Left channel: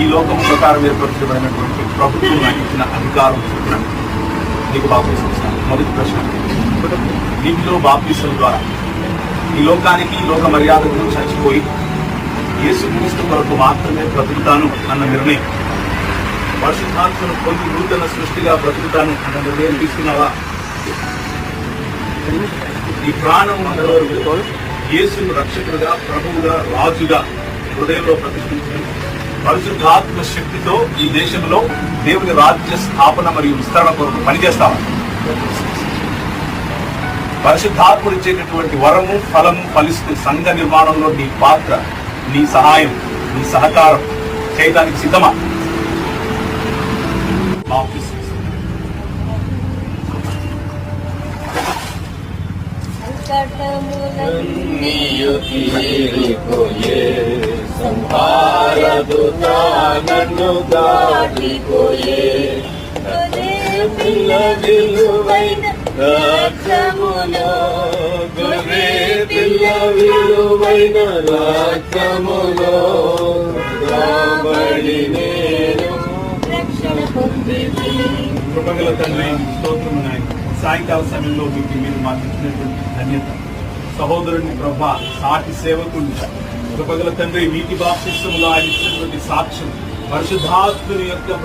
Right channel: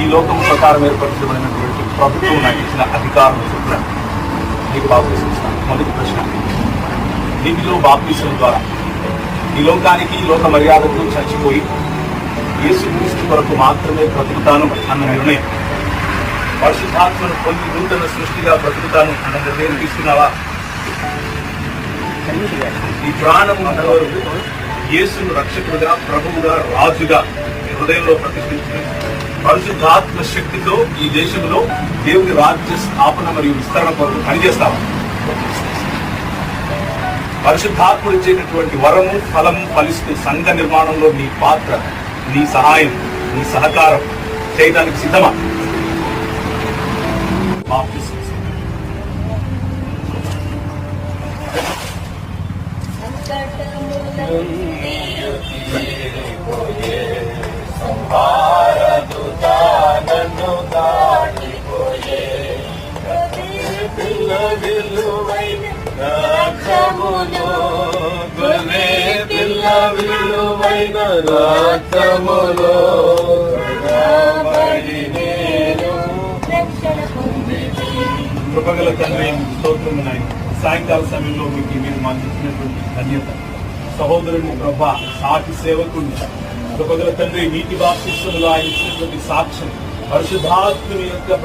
ఈ లోకం ప్రకారం ఏర్పరచబడినటువంటి ప్రభుత్వం నాకు ఇచ్చిన అధికారం చొప్పున నీకు బాప్తీసం ఇస్తాను. మొదటి ప్రశ్న, నీటిలో బాప్తీసం ద్వారా ఈ లోకానికి లోక మర్యాదకు చచ్చిపోయి యేసుక్రీస్తు కొరకు మాత్రమే బ్రతుకుతాను అన్న నిర్ణయం, పరిశుద్ధాత్మను పొంది నూతన సృష్టిగా బ్రతుకుతాను అన్న నిర్ణయం తీసుకున్నావా? ఈ ప్రాణము యేసును రక్షకుడుగా, ప్రభువుగా, రాజుగా హృదయంలో ప్రతిష్ఠించి పరిశుద్ధాత్మ శక్తితో ఈ దేశంలో దేవుని రాజ్య స్థాపన మరియు విస్తరణ కొరకు పనిచేస్తాము. పరిశుద్ధాత్ముడు ఇచ్చేటటువంటి వరము, ఫలము ఫలిస్తూ సంఘ నిర్మాణంలో నీ పాత్ర, నీ సహాయం, నీ సహకారం చేయడానికి సిద్ధమా? కృపగల తండ్రి, స్తోత్రము నాయన. సాయంకాల సమయంలో మీరు మాకు ఇచ్చినటువంటి ధన్యత, సహోదరుని ప్రభ, సాటి సేవకుడు, కృపగల తండ్రి, నీటి బాప్తిస్మములో ఆయన ఇచ్చినటువంటి సాక్ష్యం, పరిశుద్ధాత్ముని యొక్క